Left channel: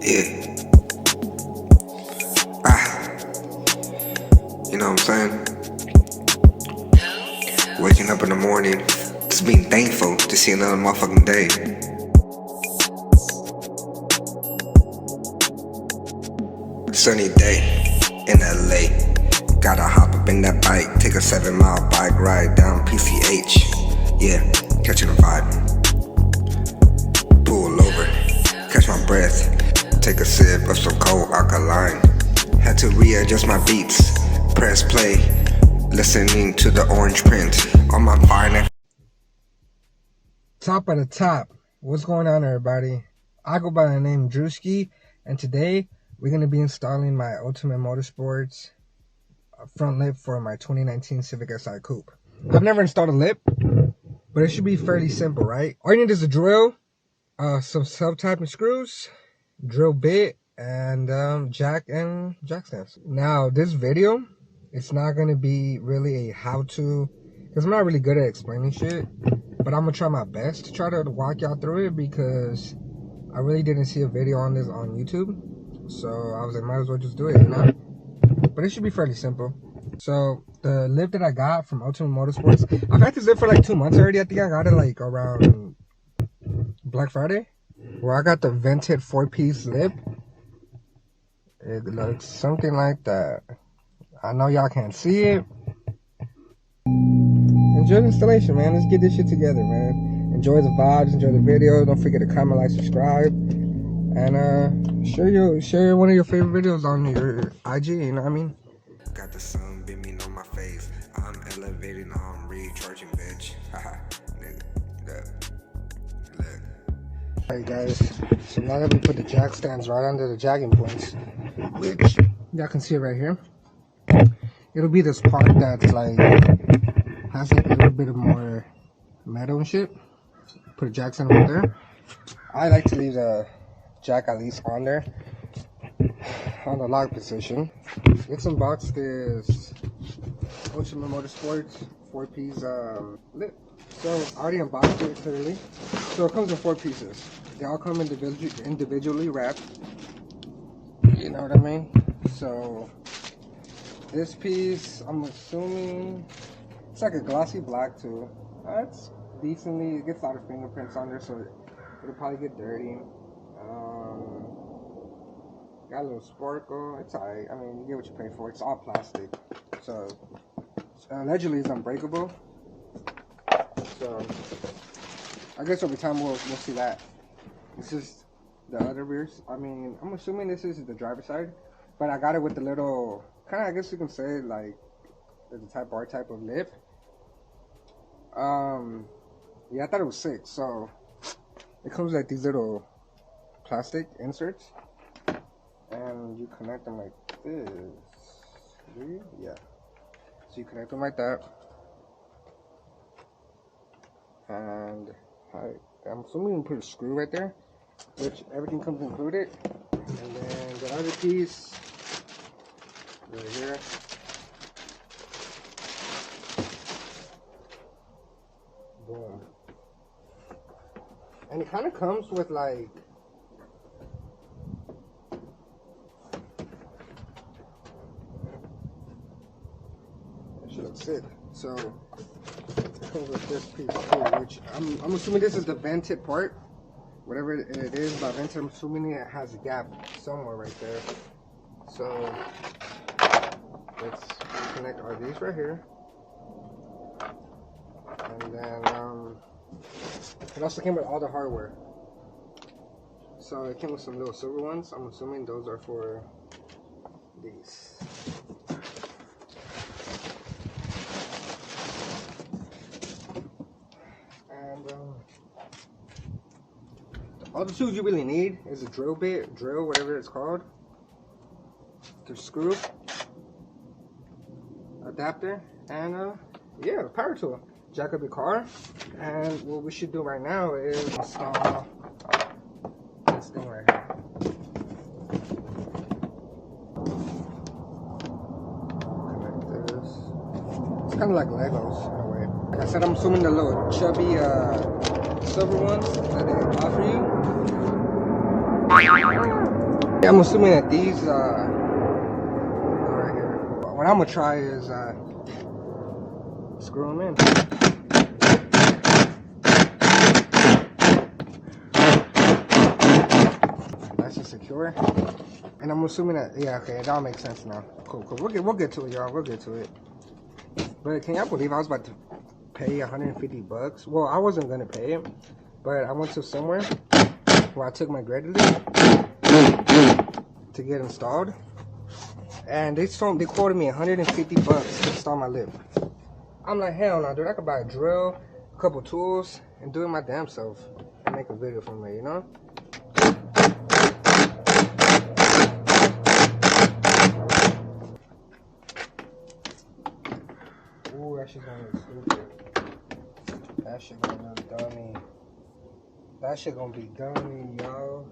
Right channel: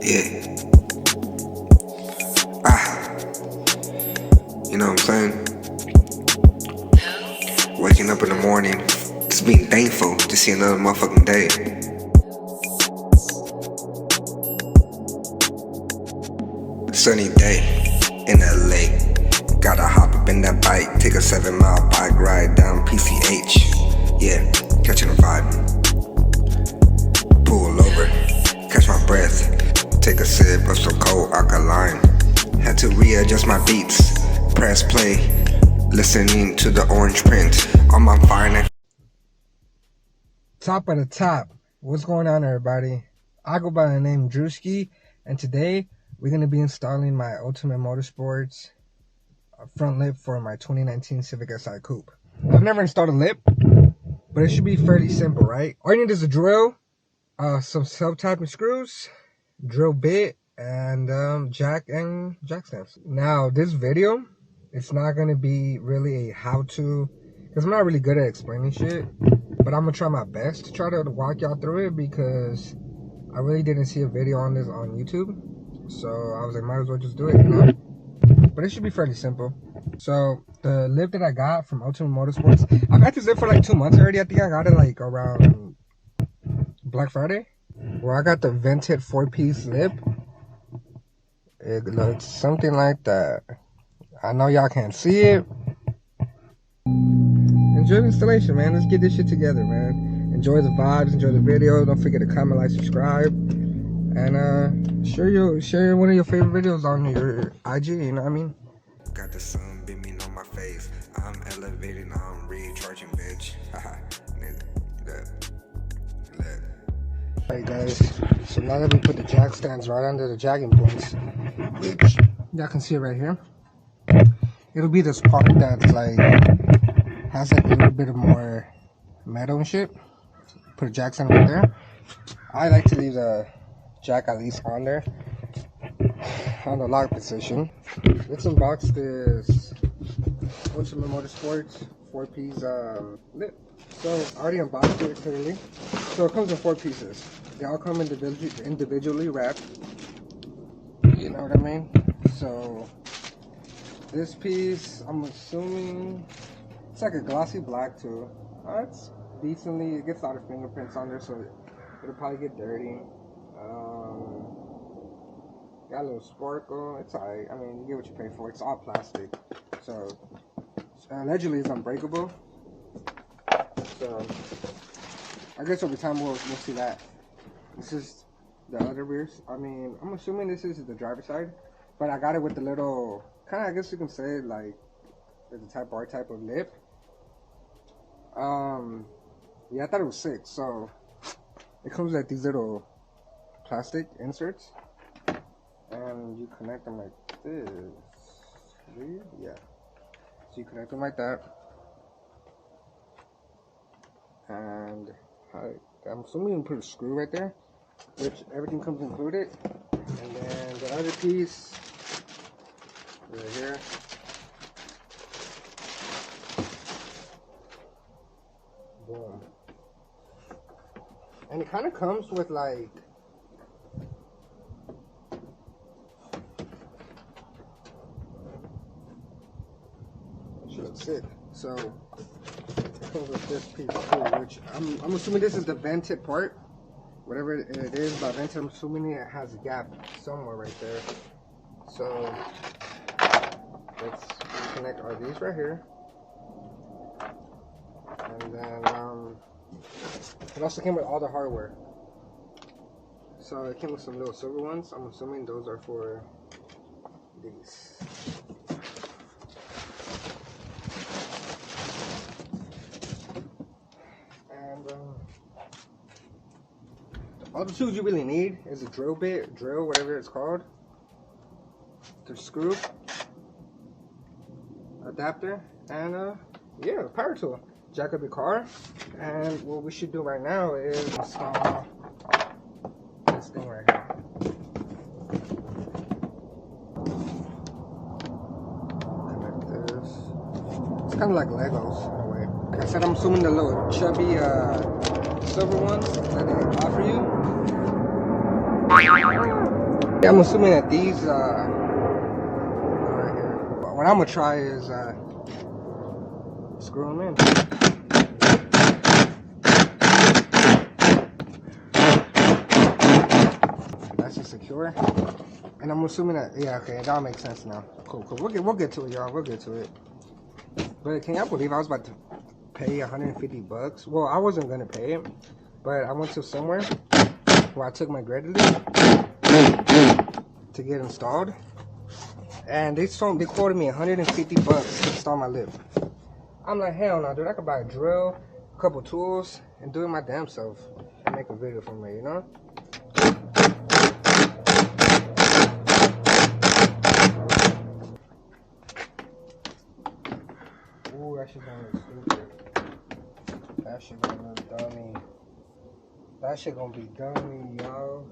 Yeah. You know what I'm saying? Waking up in the morning, just being thankful to see another motherfucking day. Sunny day in LA. Gotta hop up in that bike, take a 7-mile bike ride down PCH. Yeah, catching a vibe. Pull over, catch my breath, take a sip of some cold alkaline. Had to readjust my beats, press play, listening to the orange print on my fine. Top of the top, what's going on, everybody? I go by the name Drewski, and today we're going to be installing my Ultimate Motorsports front lip for my 2019 Civic Si Coupe. I've never installed a lip, but it should be fairly simple, right? All you need is a drill, some sub-type and screws, drill bit, and jack stands. Now, this video, it's not going to be really a how-to, because I'm not really good at explaining shit. But I'm going to try my best to try to walk y'all through it, because I really didn't see a video on this on YouTube. So I was like, might as well just do it, you know? But it should be fairly simple. So the lip that I got from Ultimate Motorsports, I've had this lip for like 2 months already. I think I got it like around Black Friday, where I got the vented 4-piece lip. It looks something like that. I know y'all can't see it. Enjoy the installation, man. Let's get this shit together, man. Enjoy the vibes, enjoy the video. Don't forget to comment, like, subscribe, and share one of your favorite videos on your IG. You know what I mean? Got the sun beaming on my face. I'm elevating, I'm recharging, bitch. Haha, nigga. Look. Alright, guys. So now that we put the jack stands right under the jacking points, which y'all can see it right here. It'll be this part that's like has like a little bit of more metal and shit. Put a jack stand right there. I like to leave the jack at least on there, on the lock position. Let's unbox this Ultimate Motorsports 4-piece lip. So I already unboxed it clearly. So it comes in 4 pieces. They all come individually wrapped. You know what I mean? So this piece, I'm assuming it's like a glossy black too. It's decently, it gets a lot of fingerprints on there, so it'll probably get dirty. Got a little sparkle. It's alright. I mean, you get what you pay for. It's all plastic, so allegedly it's unbreakable. So I guess over time we'll see that. This is the other rears. I mean, I'm assuming this is the driver's side, but I got it with the little kind of, I guess you can say, like the type R type of lip. Yeah, I thought it was 6. So it comes with like these little plastic inserts, and you connect them like this. Yeah, so you connect them like that, and I'm assuming you can put a screw right there, which everything comes included. And then the other piece right here. Boom. And it kind of comes with like that shit looks sick. So it comes with this piece too, which I'm assuming this is the vented part. Whatever it is by vented, I'm assuming it has a gap somewhere right there. So let's connect all these right here. And then it also came with all the hardware. So it came with some little silver ones. I'm assuming those are for these. And all the tools you really need is a drill bit, whatever it's called, the screw, adapter, and yeah, the power tool. Jack up your car, and what we should do right now is install this thing right here. Connect this. It's kind of like Legos in a way. Like I said, I'm assuming the little chubby silver ones that they offer you Yeah, I'm assuming that these are right here. What I'm gonna try is screw them in. That's just secure. And I'm assuming that, yeah, okay, that all makes sense now. Cool. We'll get to it, y'all. We'll get to it. But can y'all believe I was about to pay 150 bucks? Well, I wasn't gonna pay it, but I went to somewhere where I took my graduate to get installed, and they quoted me 150 bucks to install my lip. I'm like, hell no, dude. I could buy a drill, a couple tools, and do it my damn self and make a video from it, you know? Ooh, that shit gonna look stupid. That shit gonna look dummy. That shit gonna be dummy, y'all.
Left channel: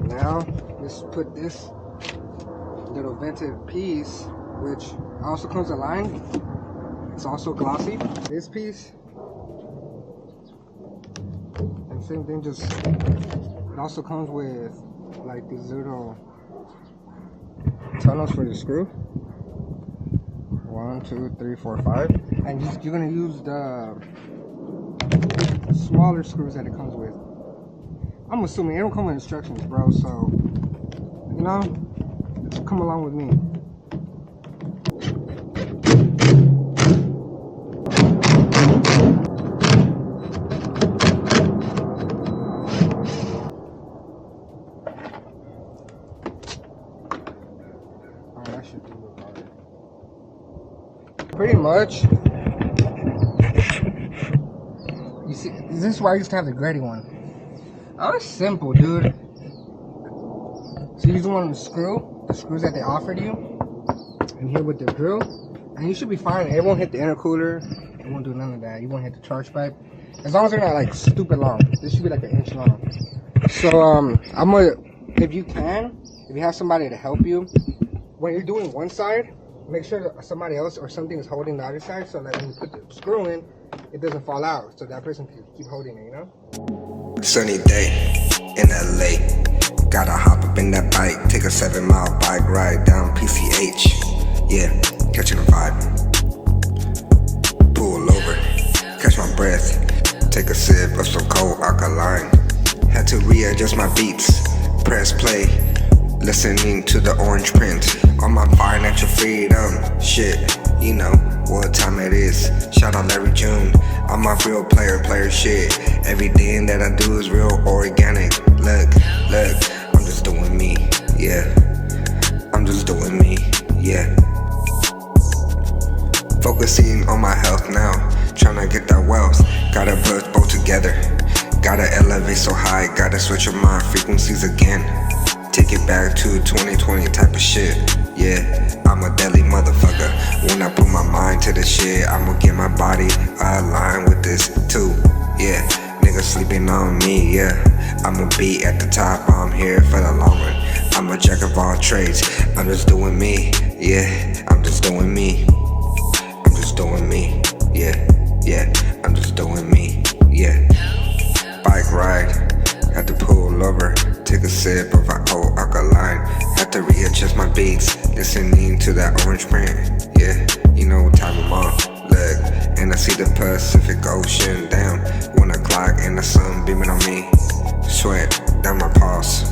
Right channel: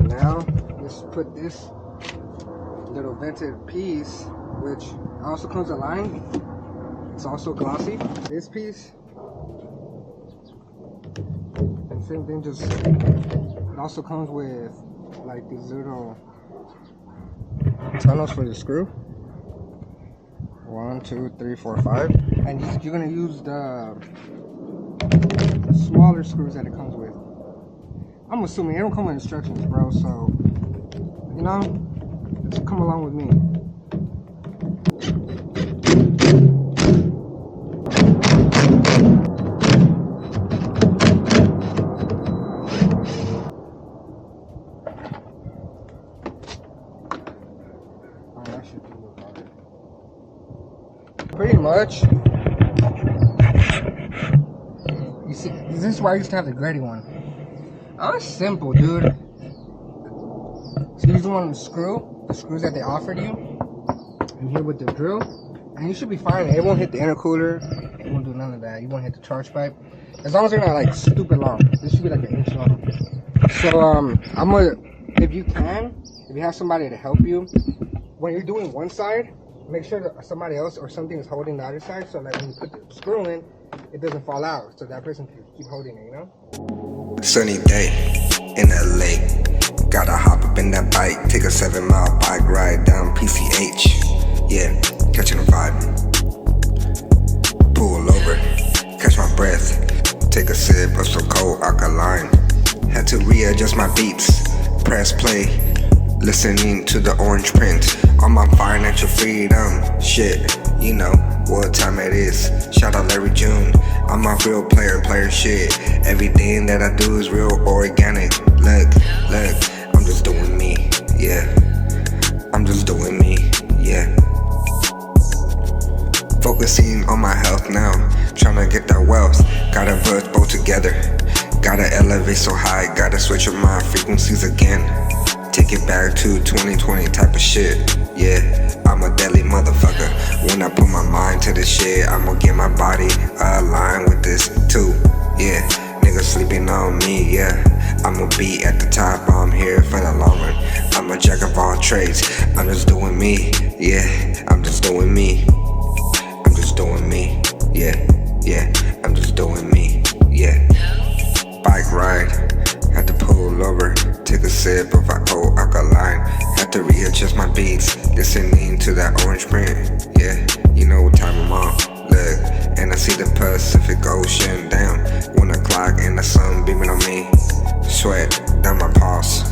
Now, let's put this little vented piece, which also comes aligned. It's also glossy. This piece, and same thing, just, it also comes with like these little tunnels for the screw. 1, 2, 3, 4, 5. And you're gonna use the smaller screws that it comes with. I'm assuming it don't come with instructions, bro, so, you know, just come along with me. Oh, that should do look harder. Pretty much. You see, this is why I used to have the gritty one. Oh, it's simple, dude. So you just want to screw the screws that they offered you, and here with the drill, and you should be fine. It won't hit the intercooler. It won't do none of that. You won't hit the charge pipe, as long as they're not like stupid long. This should be like 1 inch long. So I'm gonna, if you have somebody to help you when you're doing one side, make sure that somebody else or something is holding the other side, so that when you put the screw in, it doesn't fall out, so that person can keep holding it, you know? Sunny day in LA. Gotta hop up in that bike, take a 7-mile bike ride down PCH. Yeah, catching a vibe. Pull over, catch my breath, take a sip of some cold alkaline. Had to readjust my beats, press play, listening to the orange print on my financial freedom. Shit, you know what time it is. Shout out Larry June. I'm a real player shit. Everything that I do is real organic. Look, I'm just doing me, yeah. I'm just doing me, yeah. Focusing on my health now, tryna get that wealth. Gotta put both together, gotta elevate so high, gotta switch up my frequencies again. Take it back to 2020 type of shit, yeah. I'm a deadly motherfucker. When I put my mind to this shit, I'ma get my body aligned with this too, yeah. Niggas sleeping on me, yeah. I'ma be at the top, I'm here for the long run. I'm a jack of all trades, I'm just doing me, yeah. I'm just doing me, I'm just doing me, yeah. I'm just doing me, yeah. Bike ride, had to pull over, take a sip of cold alkaline. Had to readjust my beats, listening to that orange print, yeah. You know what time I'm on, look, and I see the Pacific Ocean down. 1 o'clock and the sun beaming on me, sweat down my paws,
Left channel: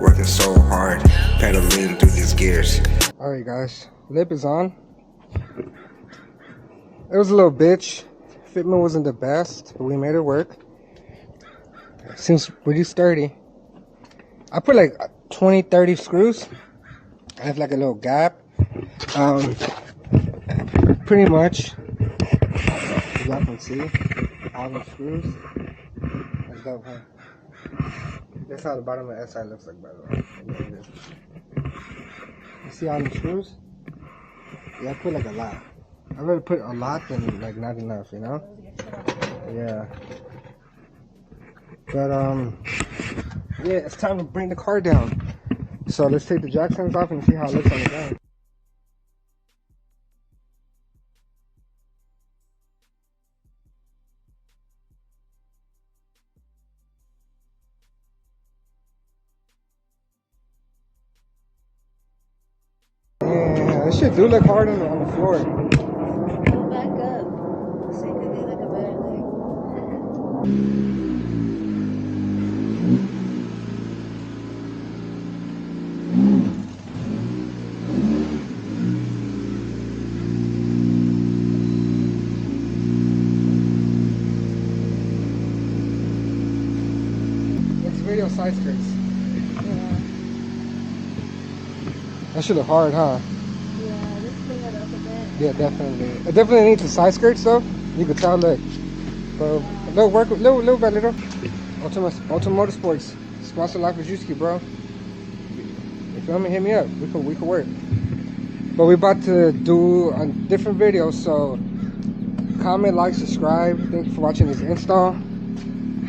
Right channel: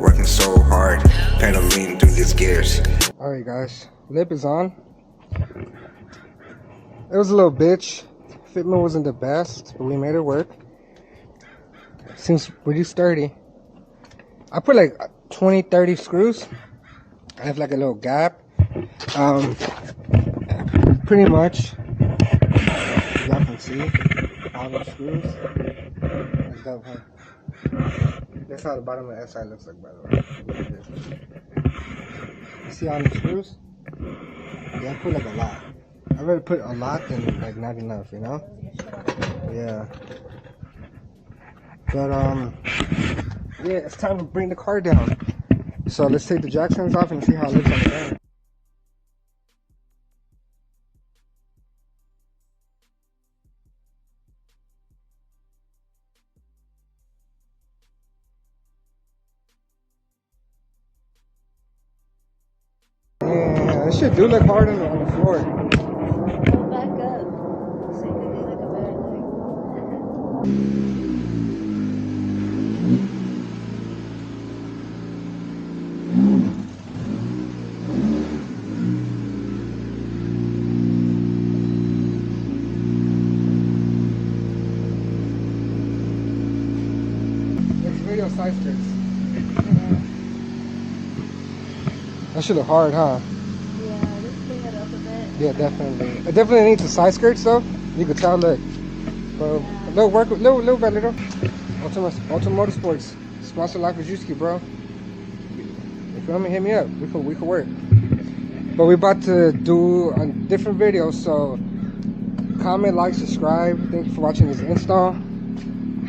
working so hard, pedaling through these gears. Alright guys, lip is on. It was a little bitch. Fitment wasn't the best, but we made it work. Seems pretty sturdy. I put like 20-30 screws. I have like a little gap. Pretty much, as y'all can see, all the screws. That's dope, huh? That's how the bottom of the SI looks like, by the way. You see all the screws? Yeah, I put like a lot. I'd rather put a lot than like not enough, you know? Yeah. But yeah, it's time to bring the car down. So let's take the jack stands off and see how it looks on the ground. That shit do look hard on the floor. Back up. So you could get like a better It's video side skirts. Yeah. That should look hard, huh? Yeah, just clean it up a bit. Yeah, definitely. It definitely needs the side skirts though. You could tell, look. But little work, little by little. Ultimate Motorsports, sponsor Life with Juski, bro. You feel me? Hit me up. We could work. But we about to do a different video, so comment, like, subscribe. Thank you for watching this install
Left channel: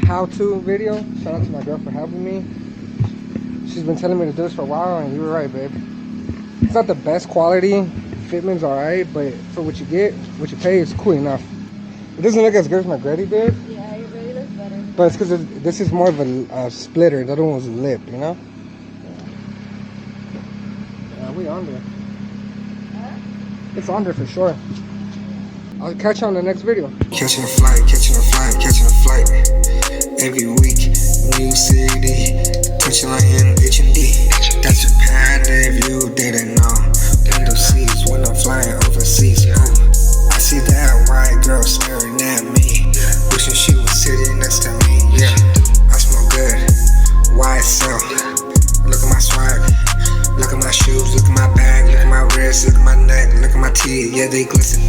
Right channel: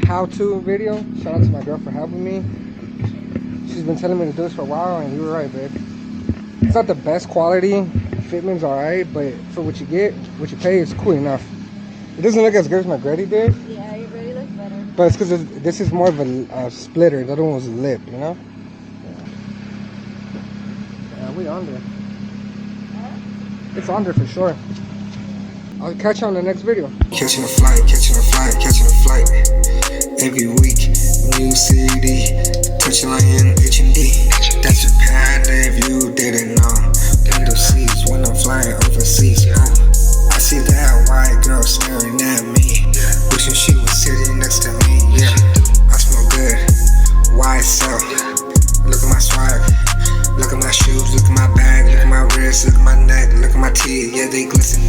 how-to video. Shout out to my girl for helping me. She's been telling me to do this for a while, and you were right, babe. It's not the best quality. Fitment's alright, but for what you get, what you pay, it's cool enough. It doesn't look as good as my Gretty did, Yeah, you really look better. but it's because this is more of a splitter. The other one was a lip, you know? Yeah, we under. Huh? It's under for sure. I'll catch you on the next video. Catching a flight, catching a flight, catching a flight. Every week, new city, touching like in H&D. That's Japan if you didn't know. Window seats when I'm flying overseas. I see that white girl staring at me, wishing she was sitting next to me. Yeah, I smell good. YSL. Look at my swag. Look at my shoes. Look at my bag. Look at my wrist. Look at my neck. Look at my teeth. Yeah, they glisten.